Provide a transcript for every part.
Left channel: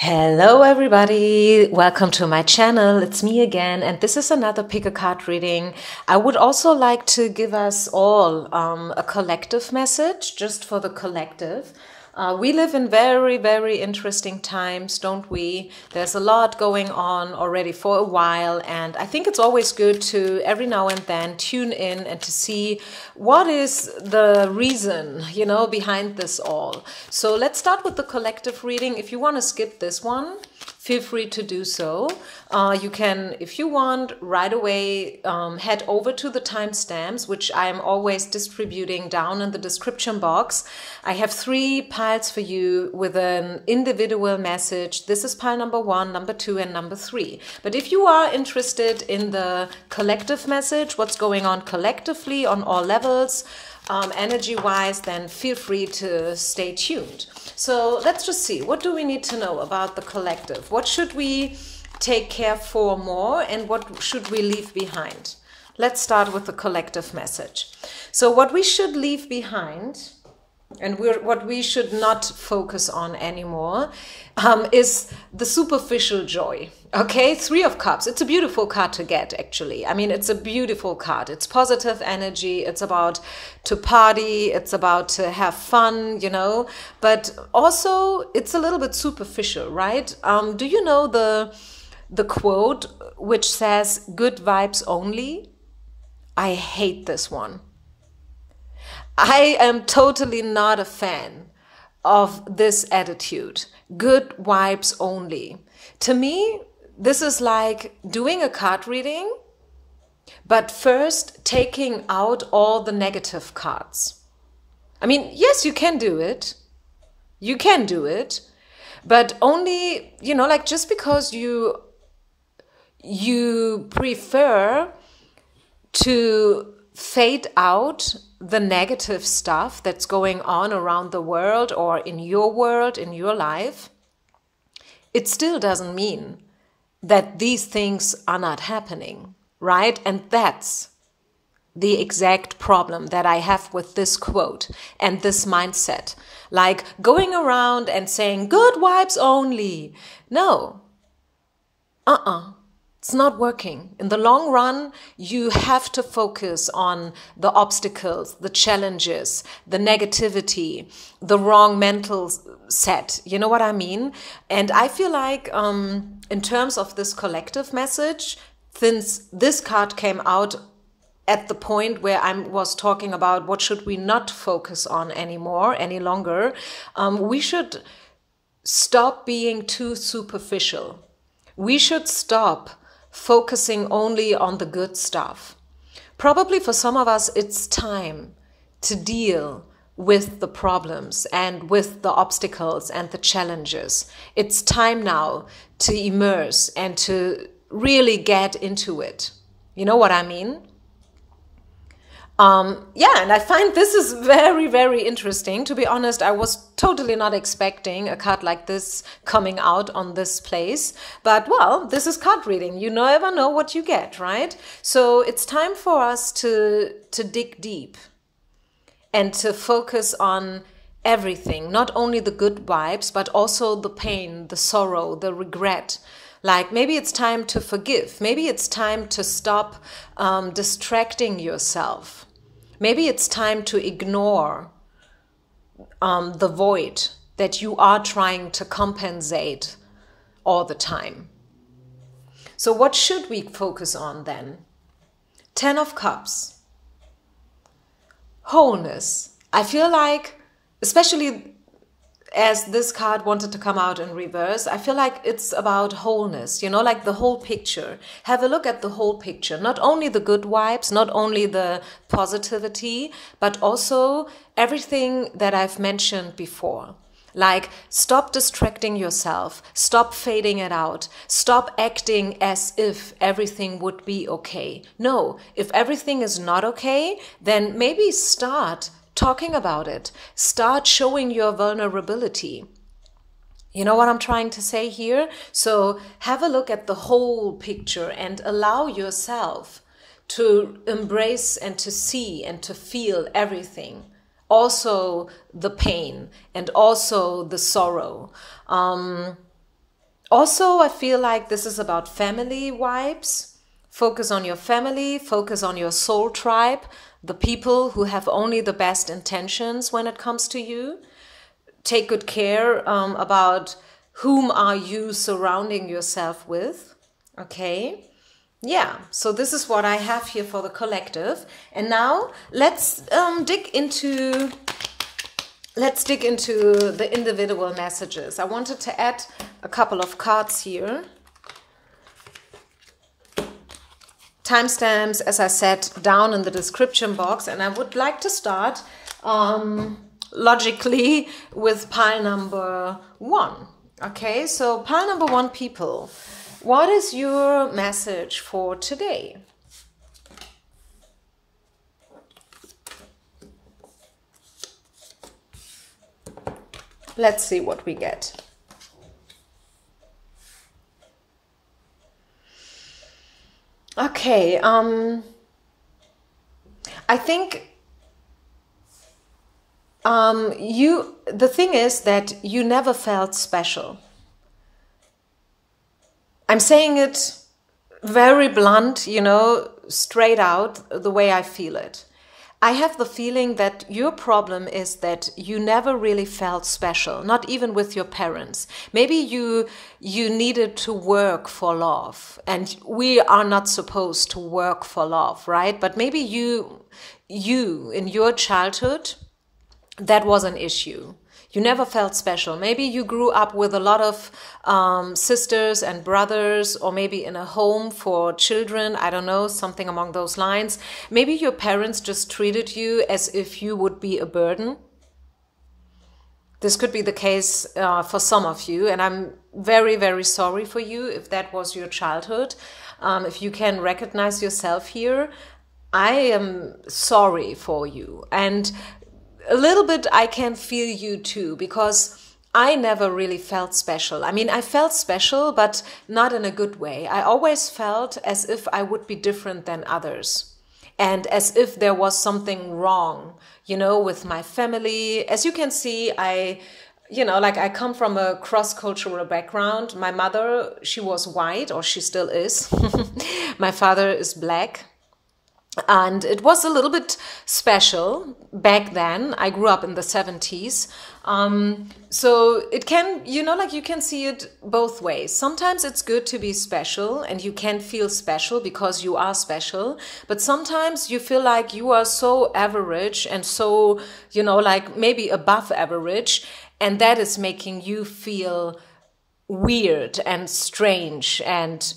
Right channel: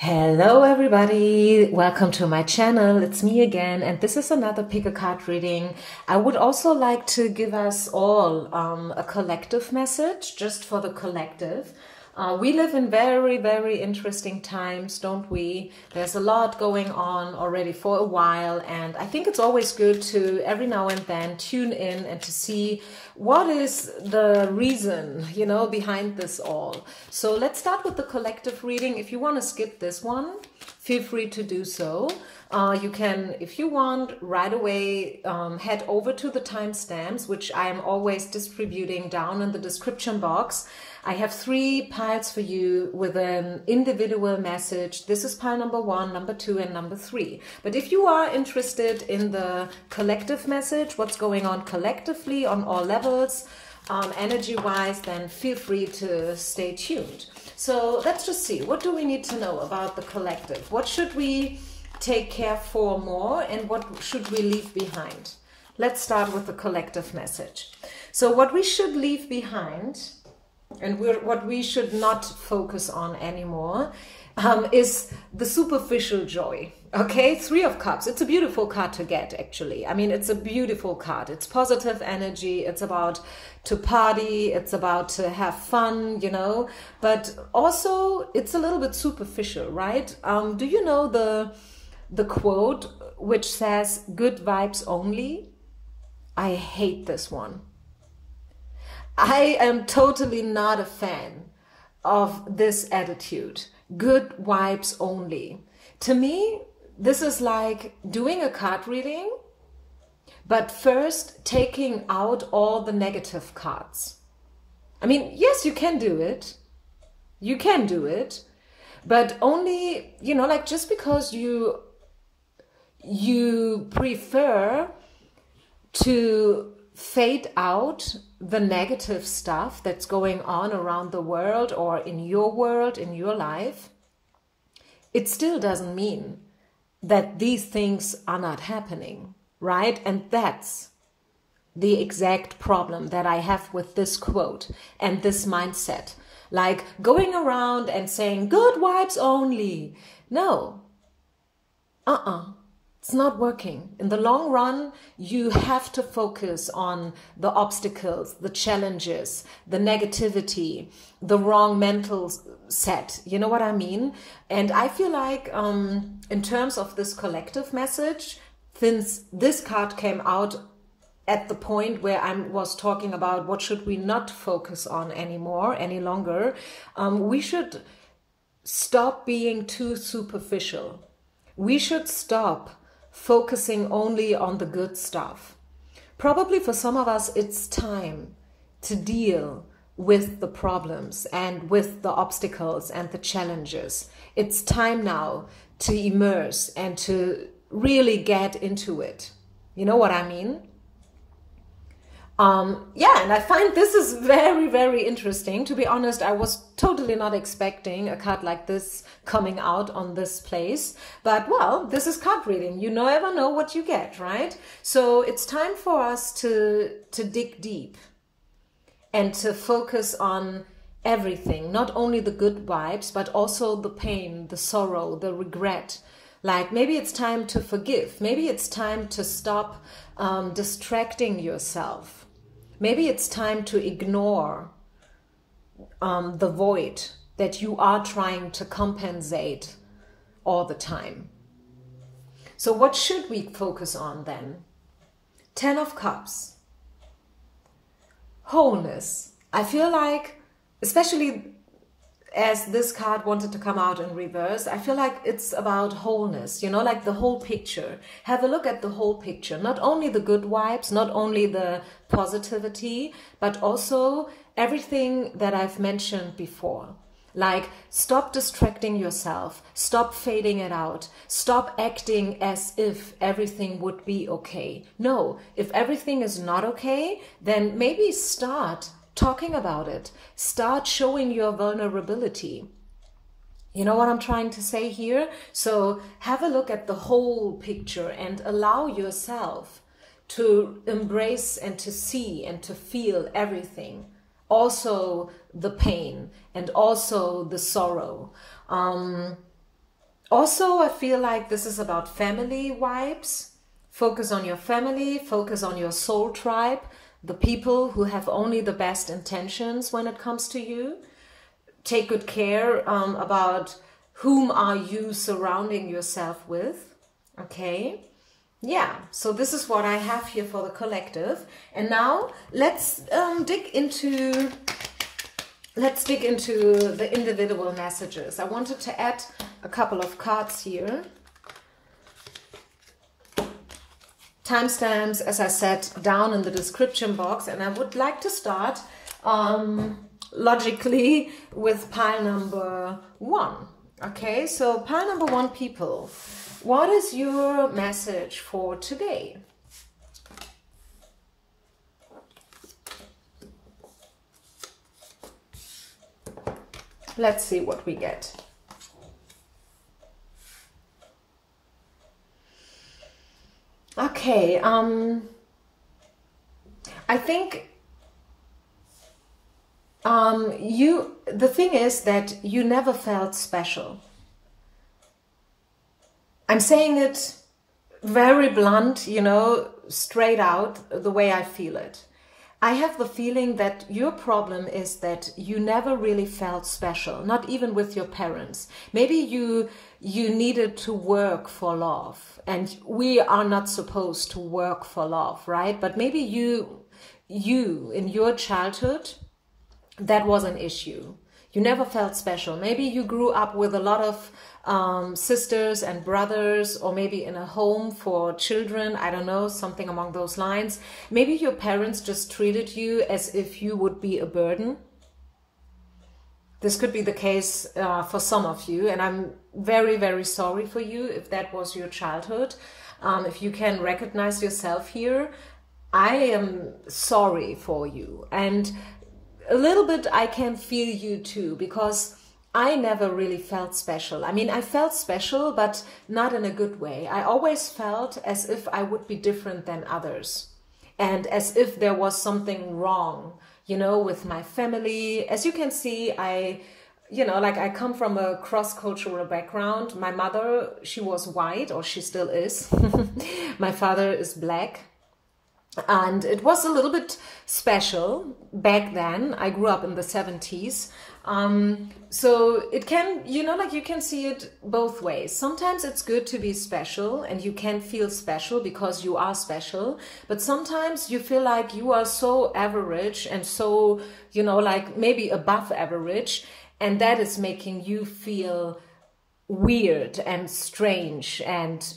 Hello everybody, welcome to my channel. It's me again, and this is another pick a card reading. I would also like to give us all a collective message, just for the collective. We live in very interesting times, don't we? There's a lot going on already for a while, and I think it's always good to every now and then tune in and to see what is the reason, behind this all. So let's start with the collective reading. If you want to skip this one, feel free to do so. You can, if you want, right away head over to the timestamps, which I am always distributing down in the description box. I have 3 piles for you with an individual message. This is pile number 1, number 2, and number 3. But if you are interested in the collective message, what's going on collectively on all levels, energy-wise, then feel free to stay tuned. So let's just see, what do we need to know about the collective? What should we take care for more, and what should we leave behind? Let's start with the collective message. So what we should leave behind, and what we should not focus on anymore, is the superficial joy. Okay, 3 of Cups. It's a beautiful card to get, actually. I mean, it's a beautiful card. It's positive energy. It's about to party. It's about to have fun, But also, it's a little bit superficial, right? Do you know the quote which says, "Good vibes only"? I hate this one. I am totally not a fan of this attitude. Good vibes only. To me, this is like doing a card reading, but first taking out all the negative cards. I mean, yes, you can do it. You can do it, but only, like just because you prefer to fade out the negative stuff that's going on around the world or in your life, it still doesn't mean that these things are not happening, right? And that's the exact problem that I have with this quote and this mindset. Like going around and saying good vibes only. No. It's not working. In the long run, you have to focus on the obstacles, the challenges, the negativity, the wrong mental set. You know what I mean? And I feel like in terms of this collective message, since this card came out at the point where I was talking about what should we not focus on any longer, we should stop being too superficial. We should stop focusing only on the good stuff. Probably for some of us, it's time to deal with the problems and with the obstacles and the challenges. It's time now to immerse and to really get into it. You know what I mean? Yeah, and I find this is very interesting. To be honest, I was totally not expecting a card like this coming out on this place. But, well, this is card reading. You never know what you get, right? So it's time for us to dig deep and to focus on everything, not only the good vibes, but also the pain, the sorrow, the regret. Like maybe it's time to forgive. Maybe it's time to stop distracting yourself. Maybe it's time to ignore the void that you are trying to compensate all the time. So what should we focus on then? 10 of Cups. Wholeness. I feel like, especially as this card wanted to come out in reverse, I feel like it's about wholeness, like the whole picture. Have a look at the whole picture. Not only the good vibes, not only the positivity, but also everything that I've mentioned before. Like, stop distracting yourself, stop fading it out, stop acting as if everything would be okay. No, if everything is not okay, then maybe start talking about it. Start showing your vulnerability. You know what I'm trying to say here? So have a look at the whole picture and allow yourself to embrace and to see and to feel everything. Also the pain and also the sorrow. Also, I feel like this is about family vibes. Focus on your family, focus on your soul tribe, the people who have only the best intentions when it comes to you. Take good care about whom are you surrounding yourself with, okay? Yeah, so this is what I have here for the collective. And now let's dig into the individual messages. I wanted to add a couple of cards here. Timestamps, as I said, down in the description box. And I would like to start logically with pile number 1. Okay, so pile number 1, people. What is your message for today? Let's see what we get. Okay, I think the thing is that you never felt special. I'm saying it very blunt, you know, straight out, the way I feel it. I have the feeling that your problem is that you never really felt special, not even with your parents. Maybe you needed to work for love, and we are not supposed to work for love, right? But maybe you in your childhood, that was an issue. You never felt special. Maybe you grew up with a lot of sisters and brothers, or maybe in a home for children. I don't know, something along those lines. Maybe your parents just treated you as if you would be a burden. This could be the case for some of you, and I'm very, very sorry for you if that was your childhood. If you can recognize yourself here, I am sorry for you. And a little bit I can feel you too, because I never really felt special. I mean, I felt special, but not in a good way. I always felt as if I would be different than others, and as if there was something wrong, you know, with my family. As you can see, I come from a cross-cultural background. My mother, she was white, or she still is. My father is black. And it was a little bit special back then. I grew up in the 70s. So it can, you know, like you can see it both ways. Sometimes it's good to be special and you can feel special because you are special. But sometimes you feel like you are so average and so, you know, like maybe above average. And that is making you feel weird and strange and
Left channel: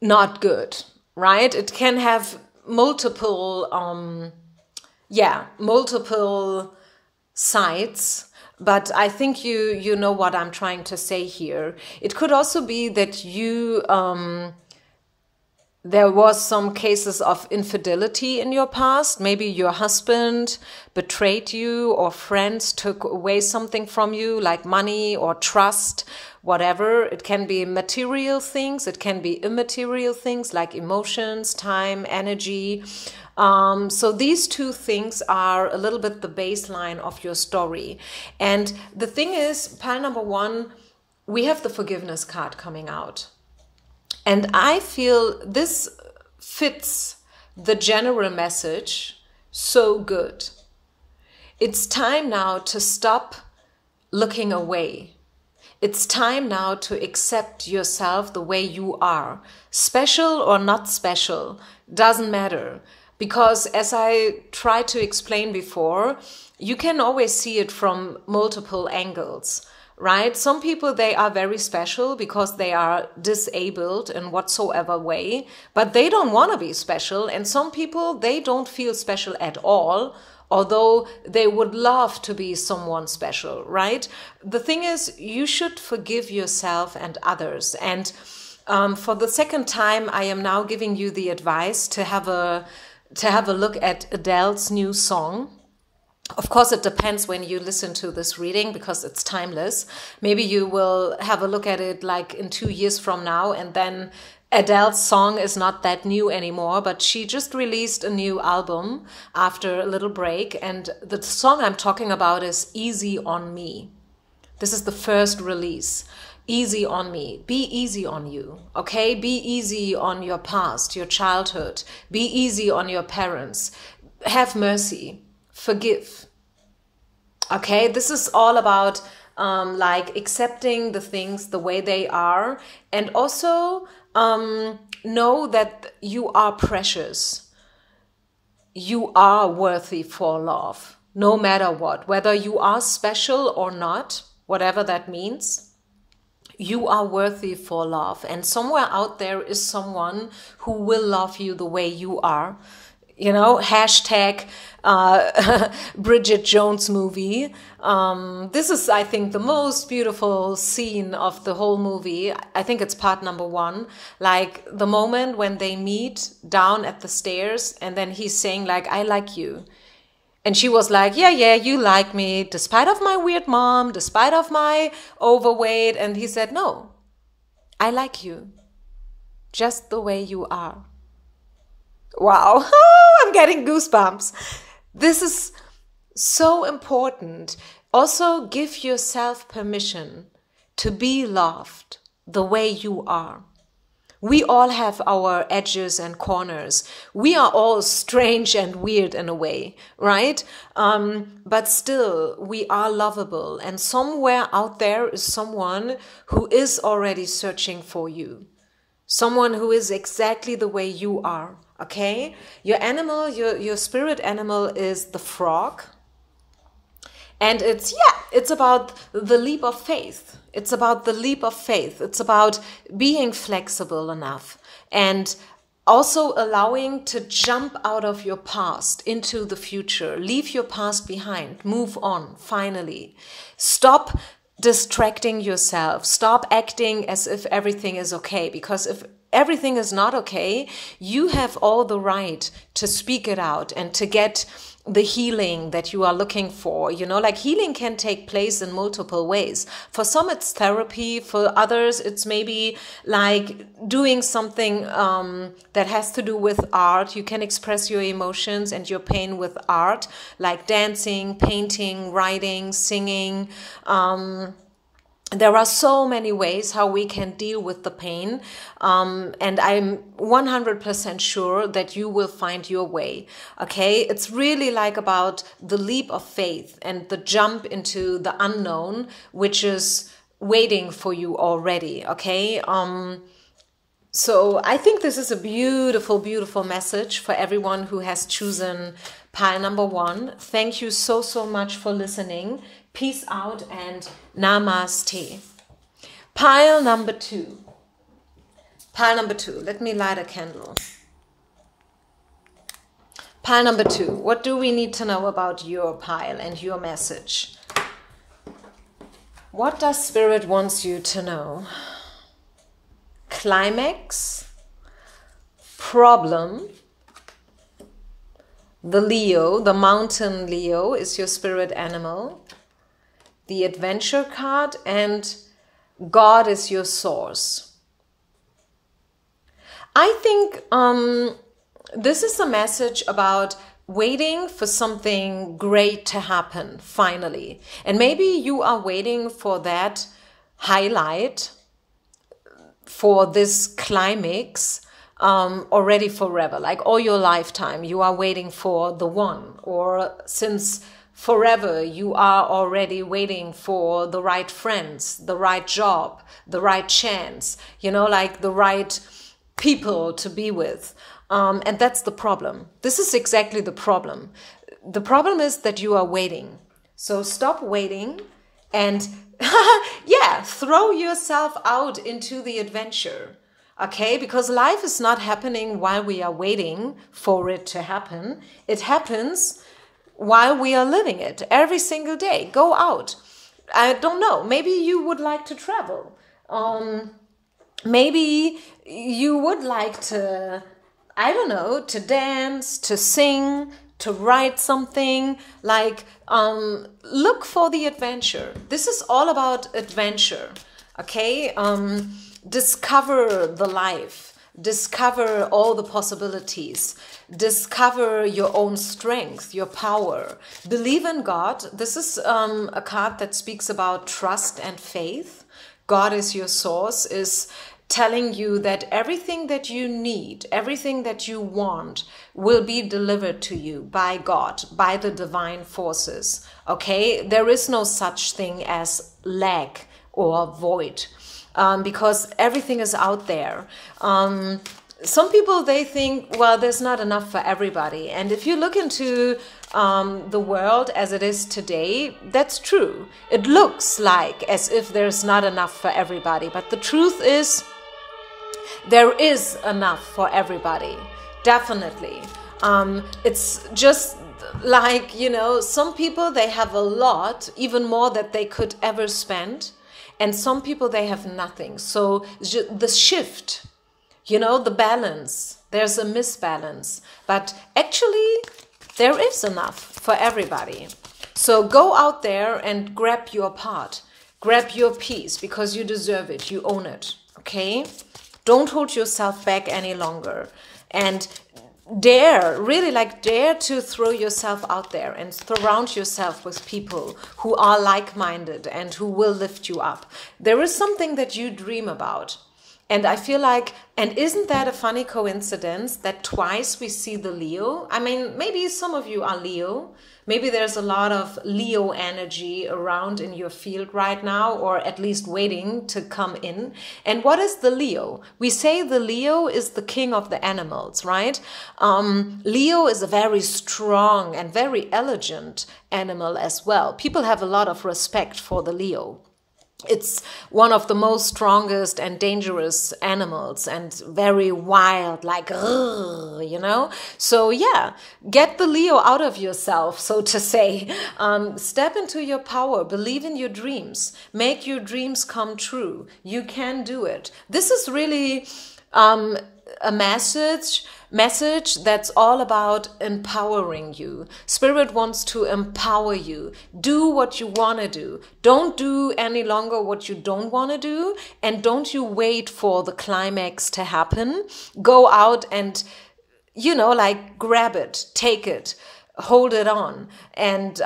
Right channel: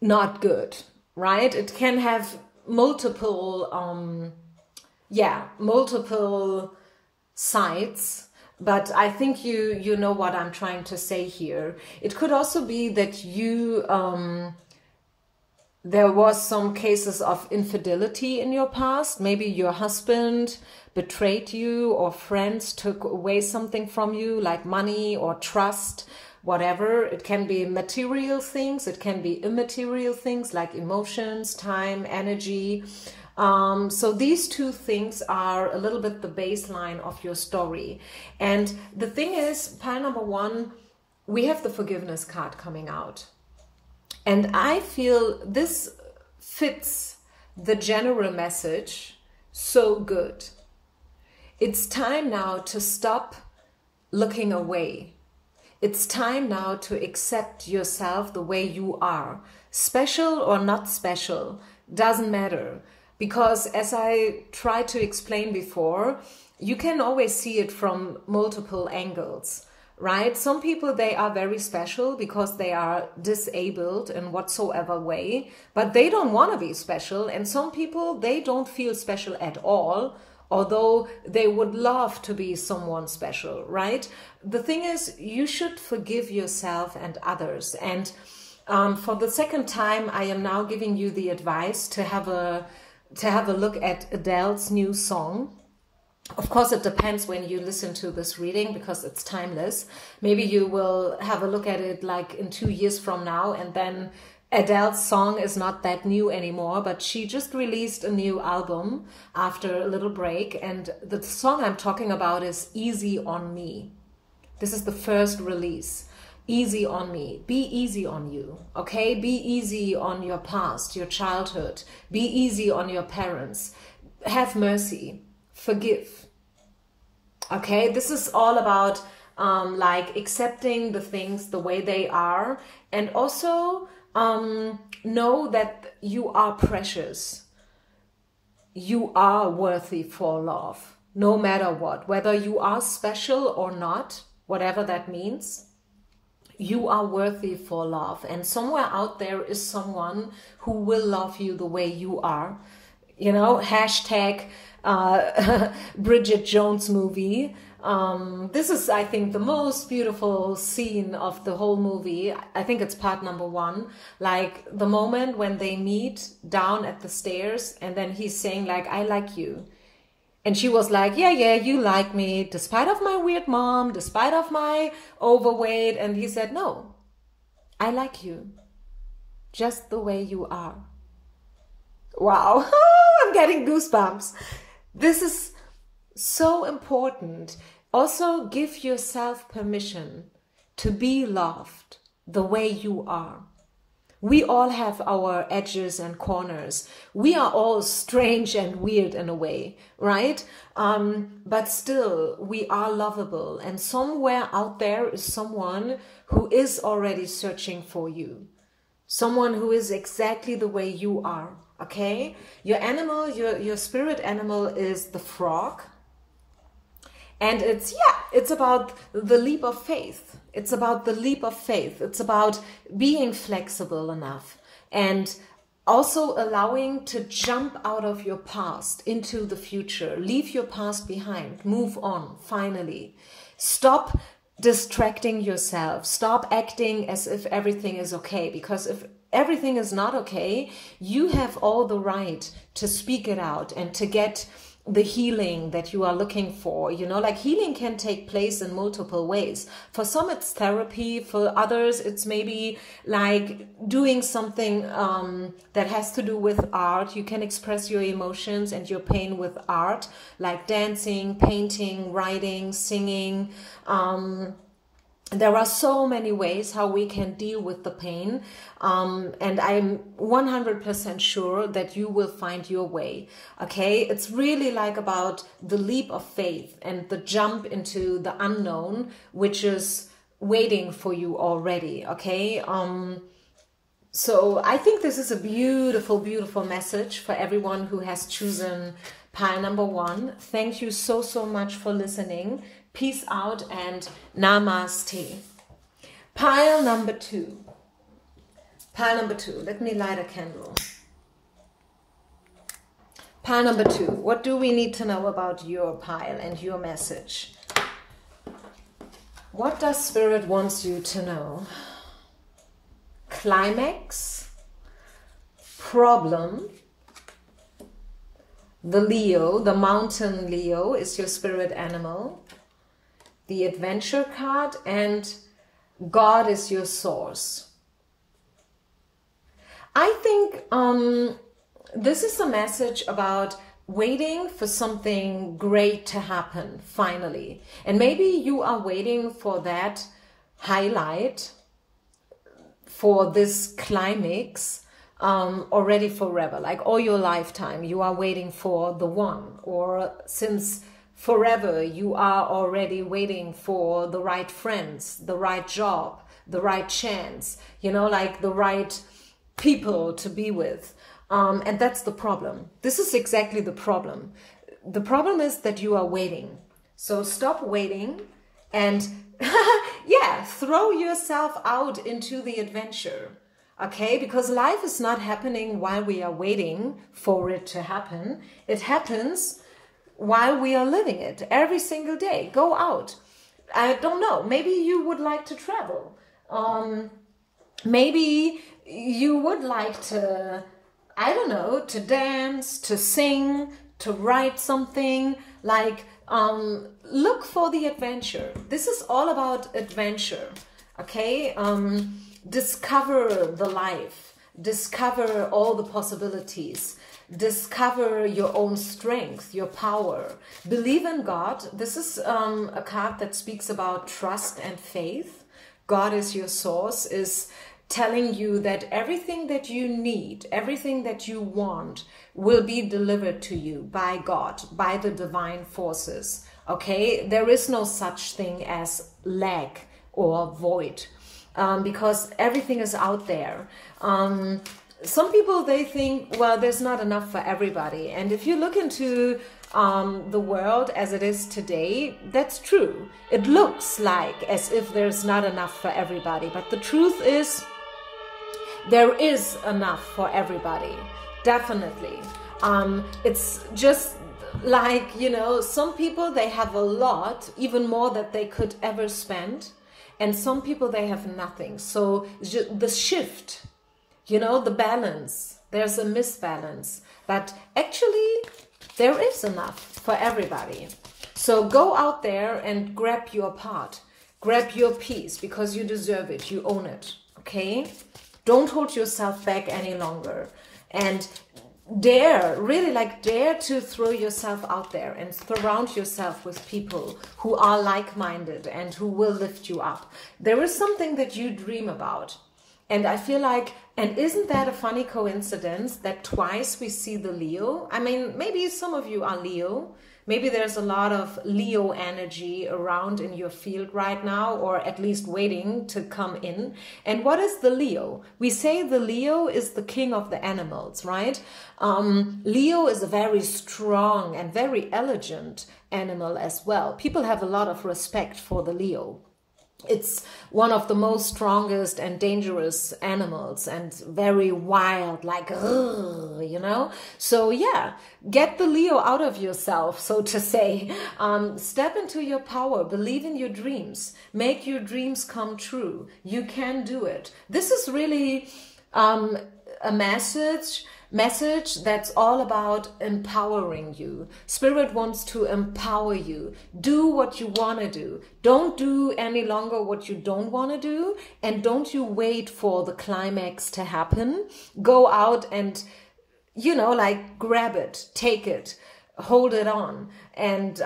not good, right? It can have multiple sides, but I think you know what I'm trying to say here. It could also be that you there was some cases of infidelity in your past. Maybe your husband betrayed you, or friends took away something from you, like money or trust, whatever. It can be material things. It can be immaterial things like emotions, time, energy. So these two things are a little bit the baseline of your story. And the thing is, pile number 1, we have the forgiveness card coming out. And I feel this fits the general message so good. It's time now to stop looking away. It's time now to accept yourself the way you are. Special or not special, doesn't matter. Because as I tried to explain before, you can always see it from multiple angles. Right? Some people, they are very special because they are disabled in whatsoever way, but they don't want to be special. And some people, they don't feel special at all, although they would love to be someone special, right? The thing is, you should forgive yourself and others. And for the second time, I am now giving you the advice to have a look at Adele's new song. Of course, it depends when you listen to this reading because it's timeless. Maybe you will have a look at it like in 2 years from now, and then Adele's song is not that new anymore, but she just released a new album after a little break. And the song I'm talking about is Easy on Me. This is the first release. easy on me. Be easy on you, okay? Be easy on your past, your childhood. Be easy on your parents. Have mercy. Forgive. Okay, this is all about like accepting the things the way they are, and also know that you are precious. You are worthy for love, no matter what, whether you are special or not, whatever that means. You are worthy for love, and somewhere out there is someone who will love you the way you are. You know, hashtag Bridget Jones movie. This is, I think, the most beautiful scene of the whole movie. I think it's part number 1. Like the moment when they meet down at the stairs, and then he's saying like, I like you. And she was like, yeah, you like me, despite of my weird mom, despite of my overweight. And he said, no, I like you just the way you are. Wow, I'm getting goosebumps. This is so important. Also, give yourself permission to be loved the way you are. We all have our edges and corners. We are all strange and weird in a way, right? But still, we are lovable. And somewhere out there is someone who is already searching for you. Someone who is exactly the way you are. Okay, your animal, your spirit animal is the frog. And it's about the leap of faith. It's about the leap of faith. It's about being flexible enough and also allowing to jump out of your past into the future. Leave your past behind. Move on, finally. Stop distracting yourself. Stop acting as if everything is okay, because if everything is not okay, you have all the right to speak it out and to get the healing that you are looking for. You know, like healing can take place in multiple ways. For some, it's therapy. For others, it's maybe like doing something that has to do with art. You can express your emotions and your pain with art, like dancing, painting, writing, singing. There are so many ways how we can deal with the pain, and I'm 100% sure that you will find your way, okay? It's really like about the leap of faith and the jump into the unknown, which is waiting for you already, okay? So I think this is a beautiful, beautiful message for everyone who has chosen pile number 1. Thank you so, so much for listening. Peace out and namaste. Pile number 2. Pile number 2. Let me light a candle. Pile number 2. What do we need to know about your pile and your message? What does Spirit wants you to know? Climax. Problem. The Leo, the mountain Leo is your spirit animal. The adventure card, and God is your source. I think this is a message about waiting for something great to happen finally. And maybe you are waiting for that highlight, for this climax already forever, like all your lifetime. You are waiting for the one, or since forever, you are already waiting for the right friends, the right job, the right chance, you know, like the right people to be with. And that's the problem. This is exactly the problem. The problem is that you are waiting. So stop waiting and yeah, throw yourself out into the adventure. Okay, because life is not happening while we are waiting for it to happen. It happens while we are living it every single day. Go out. I don't know. Maybe you would like to travel. Maybe you would like to, I don't know, to dance, to sing, to write something. Like, look for the adventure. This is all about adventure. Okay? Discover the life. Discover all the possibilities. Discover your own strength, your power. Believe in God. This is a card that speaks about trust and faith. God is your source, is telling you that everything that you need, everything that you want will be delivered to you by God, by the divine forces. Okay, there is no such thing as lack or void, because everything is out there. Some people, they think, well, there's not enough for everybody. And if you look into the world as it is today, that's true. It looks like as if there's not enough for everybody. But the truth is, there is enough for everybody. Definitely. It's just like, you know, some people, they have a lot, even more that they could ever spend. And some people, they have nothing. So the shift, you know, the balance, there's a misbalance. But actually, there is enough for everybody. So go out there and grab your part. Grab your piece, because you deserve it. You own it. Okay? Don't hold yourself back any longer. And dare, really like dare to throw yourself out there and surround yourself with people who are like-minded and who will lift you up. There is something that you dream about. And I feel like, and isn't that a funny coincidence that twice we see the Leo? I mean, maybe some of you are Leo. Maybe there's a lot of Leo energy around in your field right now, or at least waiting to come in. And what is the Leo? We say the Leo is the king of the animals, right? Leo is a very strong and very elegant animal as well. People have a lot of respect for the Leo. It's one of the most strongest and dangerous animals, and very wild, like, you know? So yeah, get the Leo out of yourself, so to say. Step into your power, believe in your dreams, make your dreams come true. You can do it. This is really a message that's all about empowering you. Spirit wants to empower you. Do what you want to do. Don't do any longer what you don't want to do. And don't you wait for the climax to happen. Go out and, you know, like grab it, take it, hold it on. And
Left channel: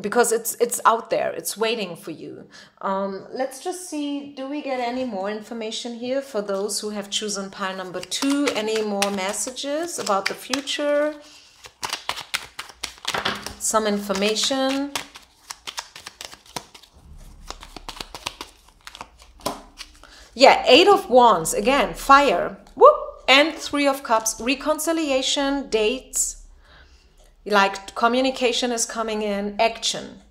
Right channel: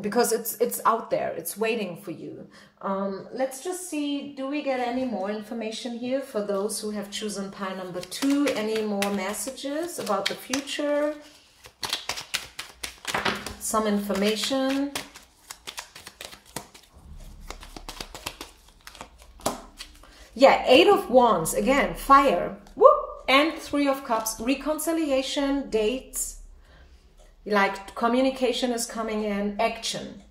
because it's out there, it's waiting for you. Let's just see, do we get any more information here for those who have chosen pile number 2? Any more messages about the future? Some information. Yeah, 8 of Wands, again, fire. Whoop! And 3 of Cups, reconciliation, dates. Like communication is coming in, action.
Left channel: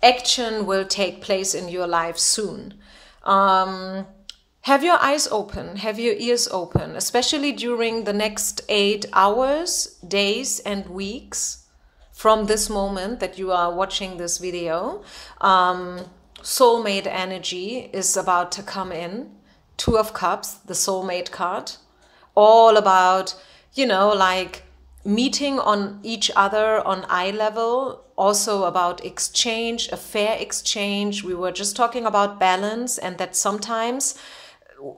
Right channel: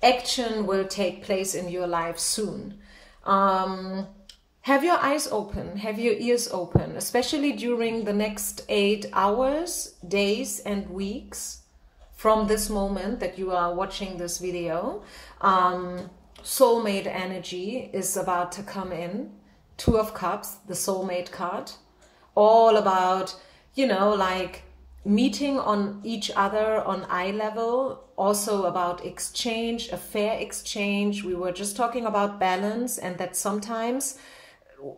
Action will take place in your life soon. Have your eyes open, have your ears open, especially during the next 8 hours, days, and weeks from this moment that you are watching this video. Soulmate energy is about to come in. 2 of Cups, the soulmate card. All about, you know, like meeting on each other on eye level, also about exchange, a fair exchange. We were just talking about balance, and that sometimes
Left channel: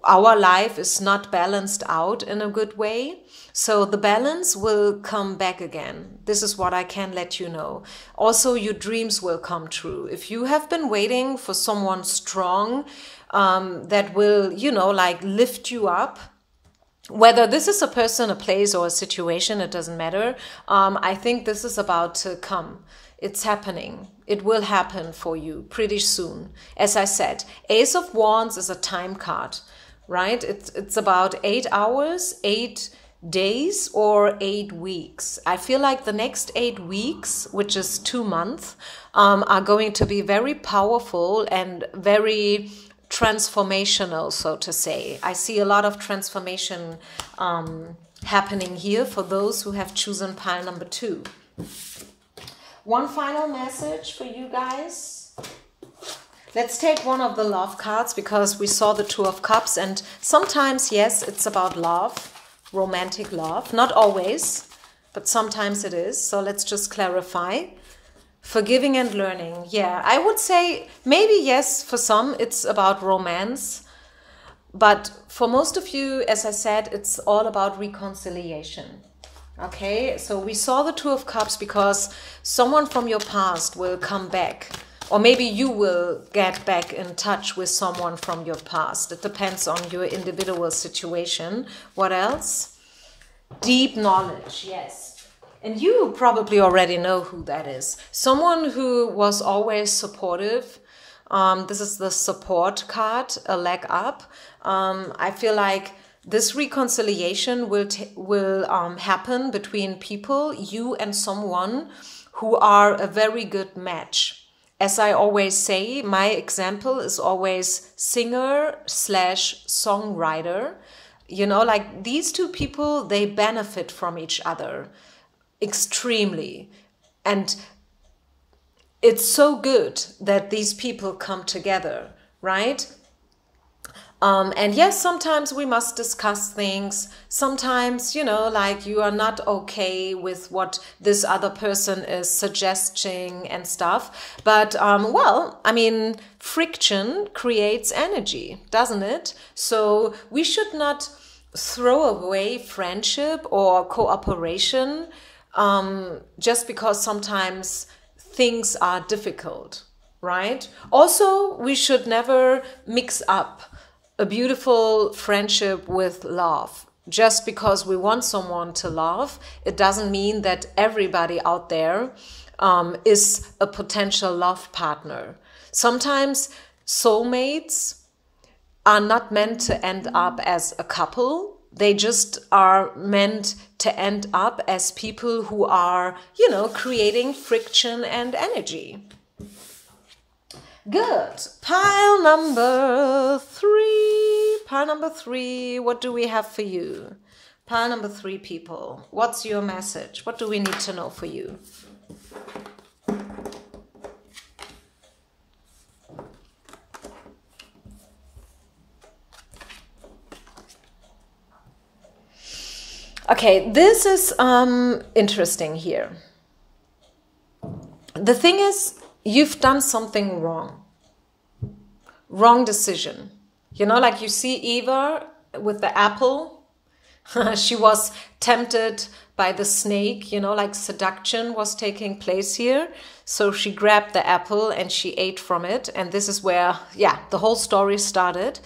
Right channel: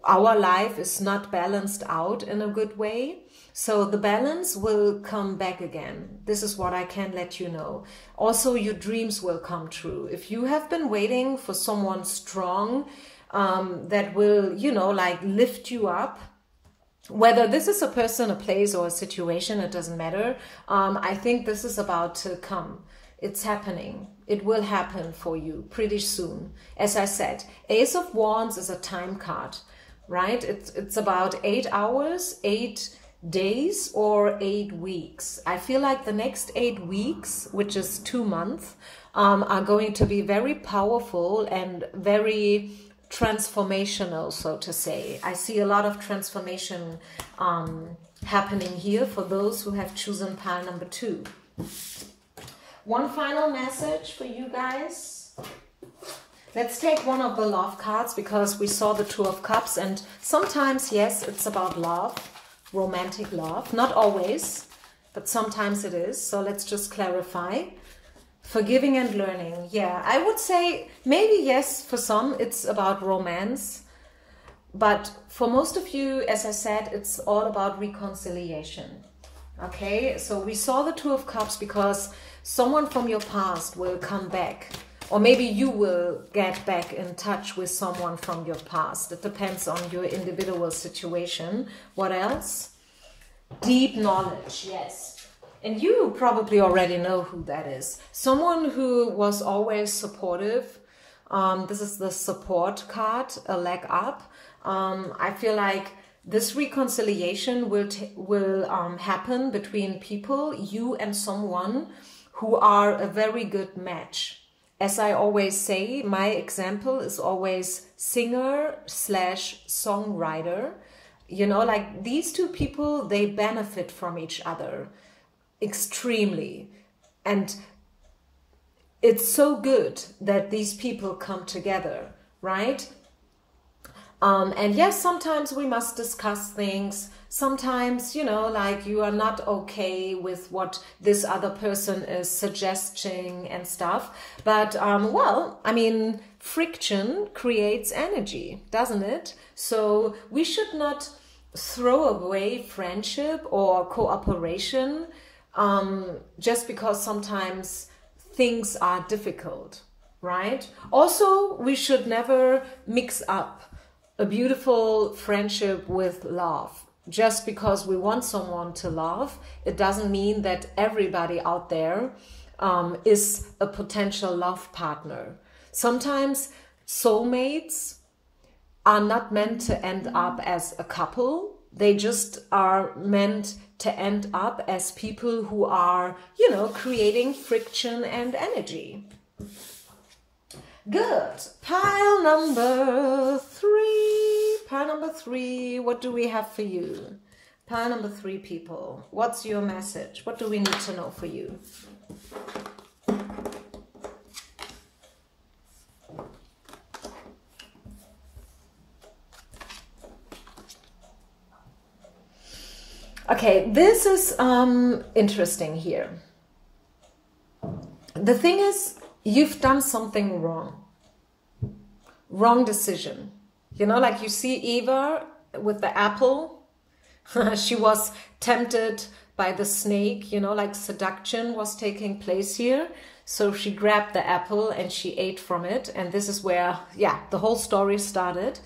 our life is not balanced out in a good way. So the balance will come back again. This is what I can let you know. Also, your dreams will come true. If you have been waiting for someone strong that will, you know, like lift you up, whether this is a person, a place, or a situation, it doesn't matter. I think this is about to come. It's happening. It will happen for you pretty soon. As I said, Ace of Wands is a time card, right? It's about 8 hours, 8 days, or 8 weeks. I feel like the next 8 weeks, which is 2 months, are going to be very powerful and very transformational, so to say. I see a lot of transformation happening here for those who have chosen pile number 2. One final message for you guys. Let's take one of the love cards, because we saw the 2 of Cups, and sometimes, yes, it's about love, romantic love. Not always, but sometimes it is. So let's just clarify. Forgiving and learning. Yeah, I would say maybe yes, for some it's about romance. But for most of you, as I said, it's all about reconciliation. Okay, so we saw the 2 of Cups because someone from your past will come back Or maybe you will get back in touch with someone from your past. It depends on your individual situation. What else? Deep knowledge, yes. And you probably already know who that is. Someone who was always supportive. This is the support card, a leg up. I feel like this reconciliation will happen between people, you and someone who are a very good match. As I always say, my example is always singer/songwriter. You know, like these two people, they benefit from each other extremely. And it's so good that these people come together, right? And yes, sometimes we must discuss things. Sometimes, you know, like you are not okay with what this other person is suggesting and stuff. But, well, I mean, friction creates energy, doesn't it? So we should not throw away friendship or cooperation just because sometimes things are difficult, right? Also, we should never mix up a beautiful friendship with love. Just because we want someone to love, it doesn't mean that everybody out there is a potential love partner. Sometimes soulmates are not meant to end up as a couple. They just are meant to end up as people who are, you know, creating friction and energy. Good. Pile number 3. Pile number 3. What do we have for you? Pile number 3, people. What's your message? What do we need to know for you? Okay, this is interesting here. The thing is, you've done something wrong. Wrong decision. You know, like you see Eva with the apple. She was tempted by the snake, you know, like seduction was taking place here. So she grabbed the apple and she ate from it. And this is where, yeah, the whole story started.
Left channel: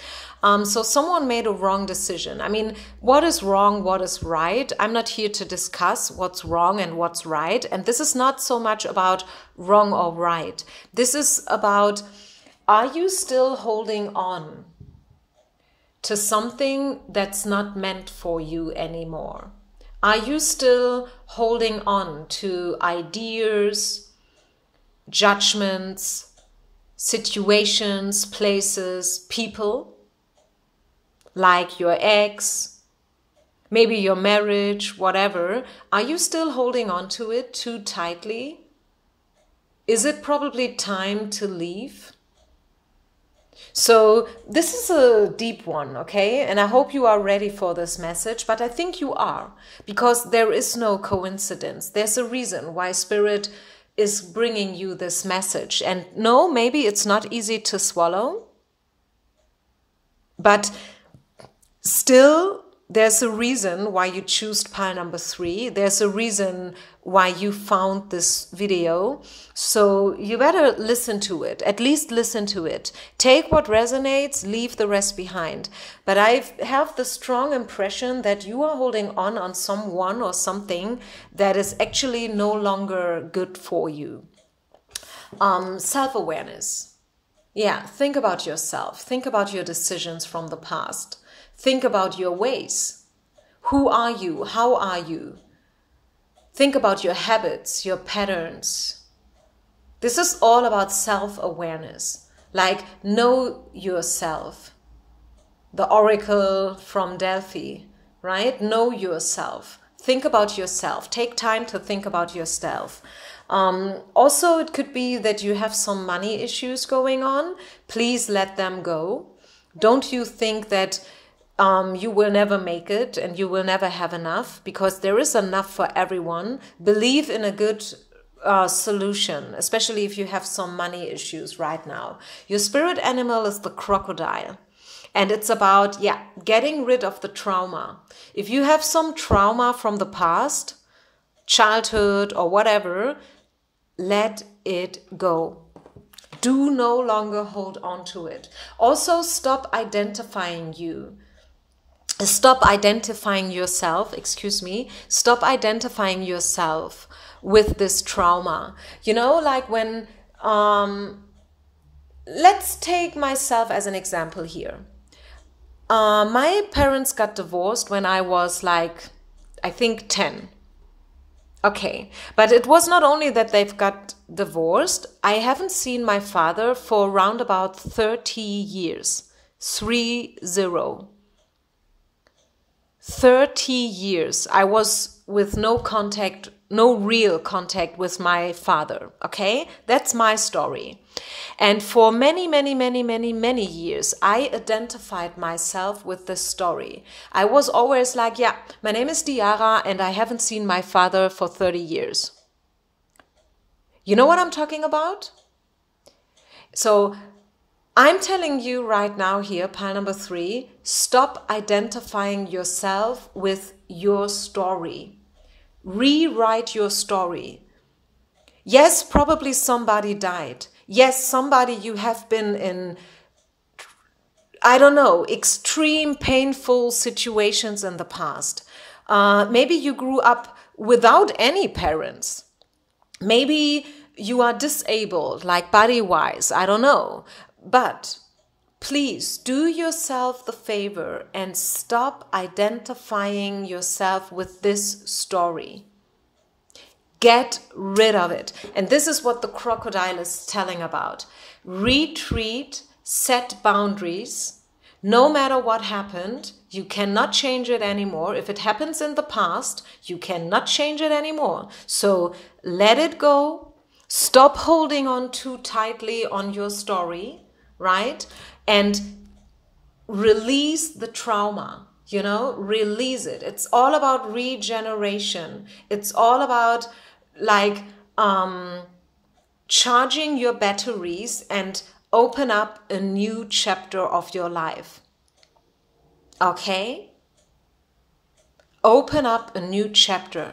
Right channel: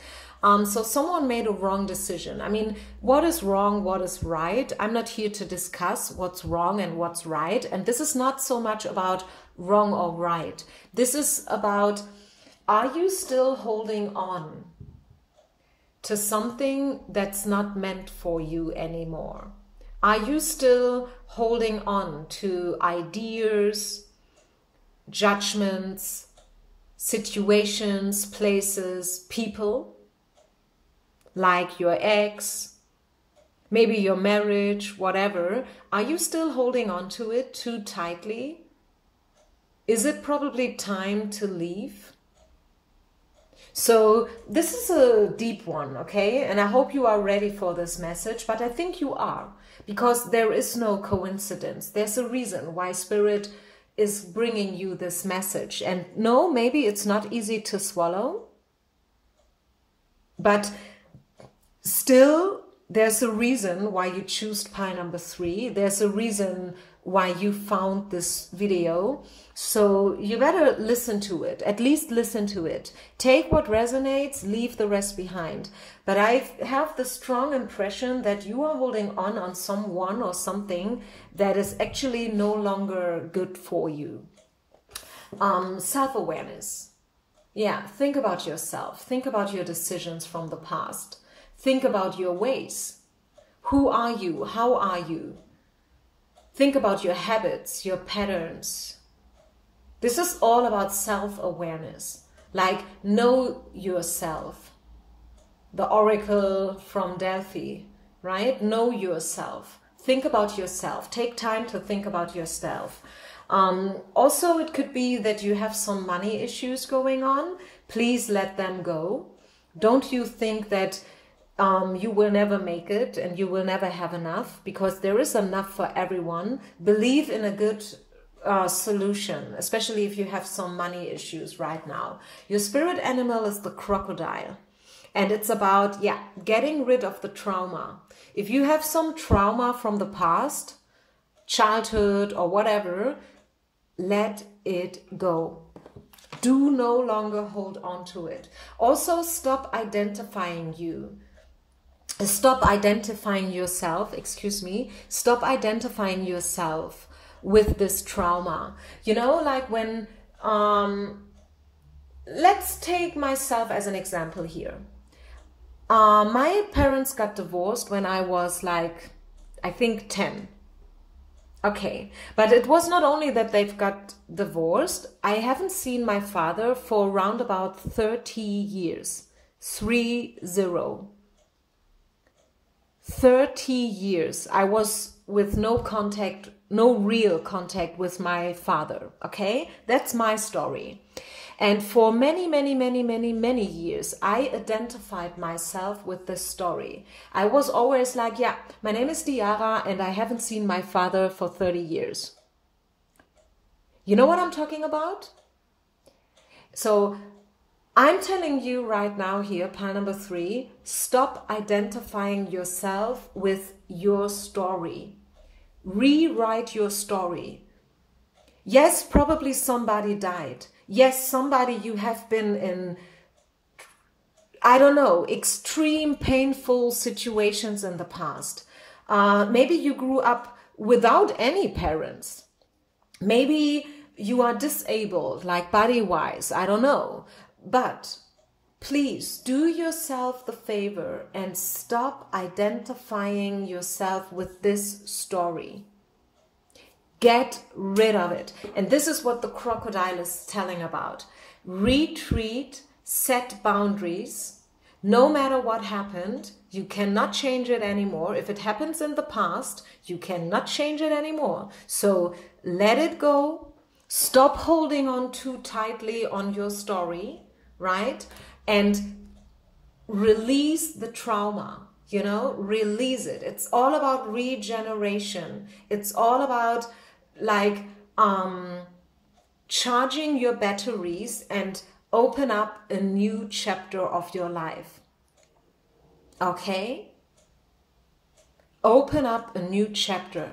So someone made a wrong decision. I mean, what is wrong, what is right? I'm not here to discuss what's wrong and what's right. And this is not so much about wrong or right. This is about, are you still holding on to something that's not meant for you anymore? Are you still holding on to ideas, judgments, situations, places, people? Like your ex, maybe your marriage, whatever. Are you still holding on to it too tightly? Is it probably time to leave? So this is a deep one, okay? And I hope you are ready for this message, but I think you are, because there is no coincidence. There's a reason why Spirit is bringing you this message. And no, maybe it's not easy to swallow, but still, there's a reason why you choose pile number 3. There's a reason why you found this video. So you better listen to it, at least listen to it. Take what resonates, leave the rest behind. But I have the strong impression that you are holding on someone or something that is actually no longer good for you. Self-awareness. Yeah, think about yourself. Think about your decisions from the past. Think about your ways. Who are you? How are you? Think about your habits, your patterns. This is all about self-awareness. Like, know yourself. The oracle from Delphi, right? Know yourself. Think about yourself. Take time to think about yourself. Also, it could be that you have some money issues going on. Please let them go. Don't you think that you will never make it and you will never have enough, because there is enough for everyone. Believe in a good solution, especially if you have some money issues right now. Your spirit animal is the crocodile, and it's about, yeah, getting rid of the trauma. If you have some trauma from the past, childhood or whatever, let it go. Do no longer hold on to it. Also, stop identifying yourself, stop identifying yourself with this trauma. You know, like when, let's take myself as an example here. My parents got divorced when I was like, I think 10. Okay, but it was not only that they've got divorced, I haven't seen my father for around about 30 years. 30. 30 years. I was with no contact, no real contact with my father. Okay, that's my story. And for many, many, many, many, many years, I identified myself with this story. I was always like, yeah, my name is Diara and I haven't seen my father for 30 years. You know what I'm talking about? So I'm telling you right now here, pile number 3, stop identifying yourself with your story. Rewrite your story. Yes, probably somebody died. Yes, somebody you have been in, I don't know, extreme painful situations in the past. Maybe you grew up without any parents. Maybe you are disabled, like body-wise, I don't know. But please do yourself the favor and stop identifying yourself with this story. Get rid of it. And this is what the crocodile is telling about. Retreat, set boundaries. No matter what happened, you cannot change it anymore. If it happens in the past, you cannot change it anymore. So let it go. Stop holding on too tightly on your story, right? And release the trauma, you know, release it. It's all about regeneration. It's all about like charging your batteries and open up a new chapter of your life. Okay? Open up a new chapter.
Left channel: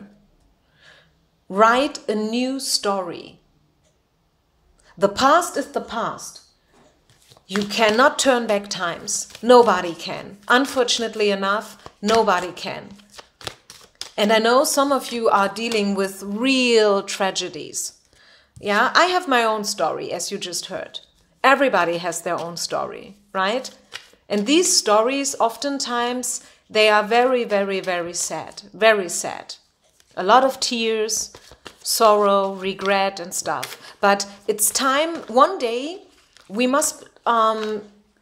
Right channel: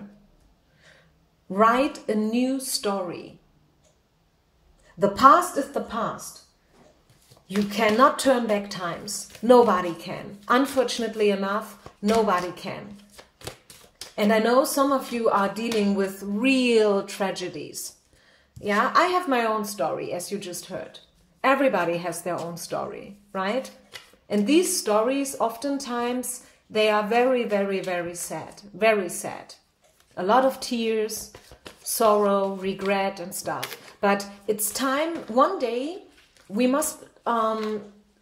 Write a new story. The past is the past. You cannot turn back times. Nobody can. Unfortunately enough, nobody can. And I know some of you are dealing with real tragedies. Yeah, I have my own story, as you just heard. Everybody has their own story, right? And these stories, oftentimes, they are very, very, very sad. Very sad. A lot of tears, sorrow, regret and stuff. But it's time, one day, we must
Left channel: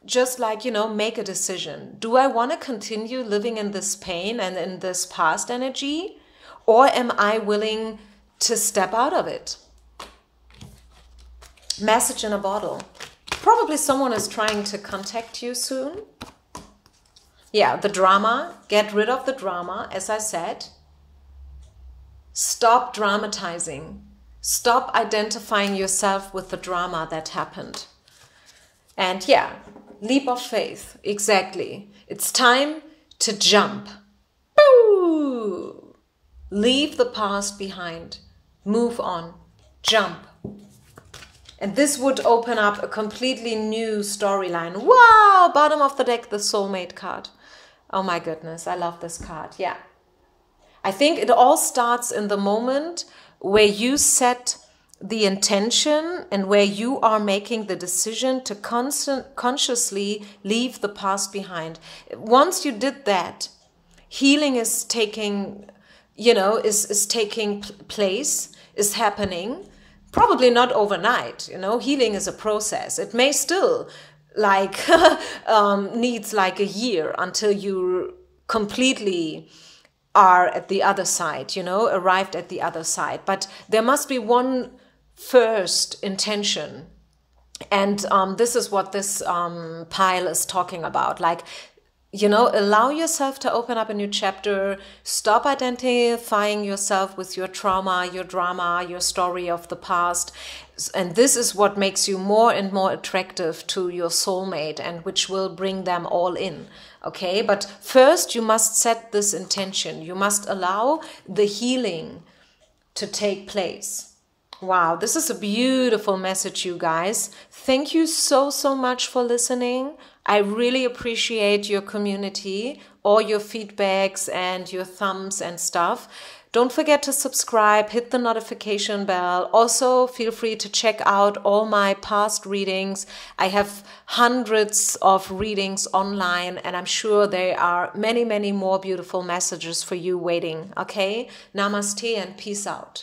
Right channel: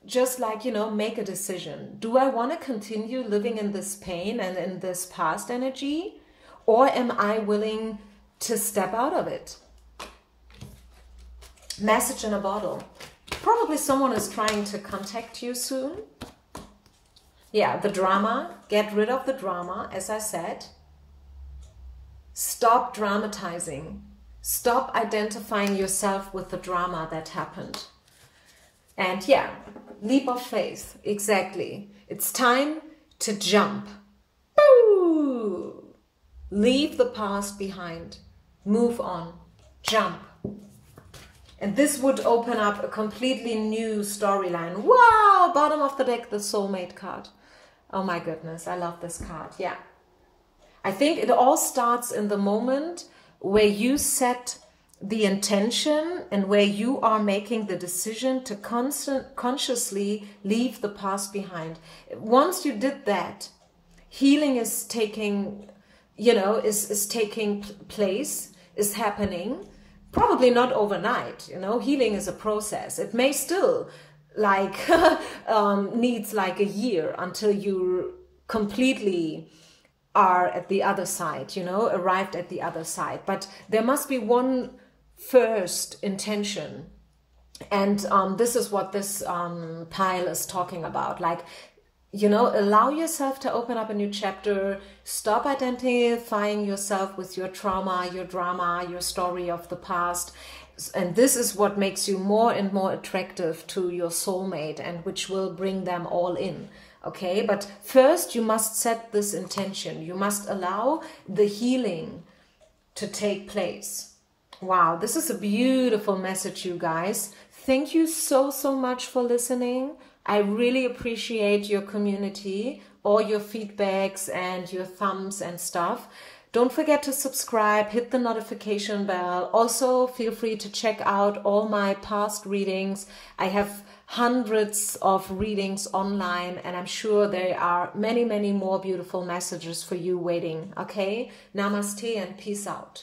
just like, you know, make a decision. Do I want to continue living in this pain and in this past energy? Or am I willing to step out of it? Message in a bottle. Probably someone is trying to contact you soon. Yeah, the drama. Get rid of the drama, as I said. Stop dramatizing. Stop identifying yourself with the drama that happened. And yeah, leap of faith, exactly. It's time to jump. Boo! Leave the past behind. Move on. Jump. And this would open up a completely new storyline. Wow! Bottom of the deck, the soulmate card. Oh my goodness, I love this card. Yeah. I think it all starts in the moment where you set the intention and where you are making the decision to consciously leave the past behind. Once you did that, healing is taking, you know, is taking place, is happening. Probably not overnight, you know, healing is a process. It may still like needs like a year until you completely are at the other side, you know, arrived at the other side. But there must be one first intention. And this is what this pile is talking about. Like, you know, allow yourself to open up a new chapter. Stop identifying yourself with your trauma, your drama, your story of the past. And this is what makes you more and more attractive to your soulmate and which will bring them all in. Okay, but first you must set this intention. You must allow the healing to take place. Wow, this is a beautiful message, you guys. Thank you so, so much for listening. I really appreciate your community, all your feedbacks and your thumbs and stuff. Don't forget to subscribe, hit the notification bell. Also, feel free to check out all my past readings. I have hundreds of readings online, and I'm sure there are many, many more beautiful messages for you waiting. Okay? Namaste and peace out.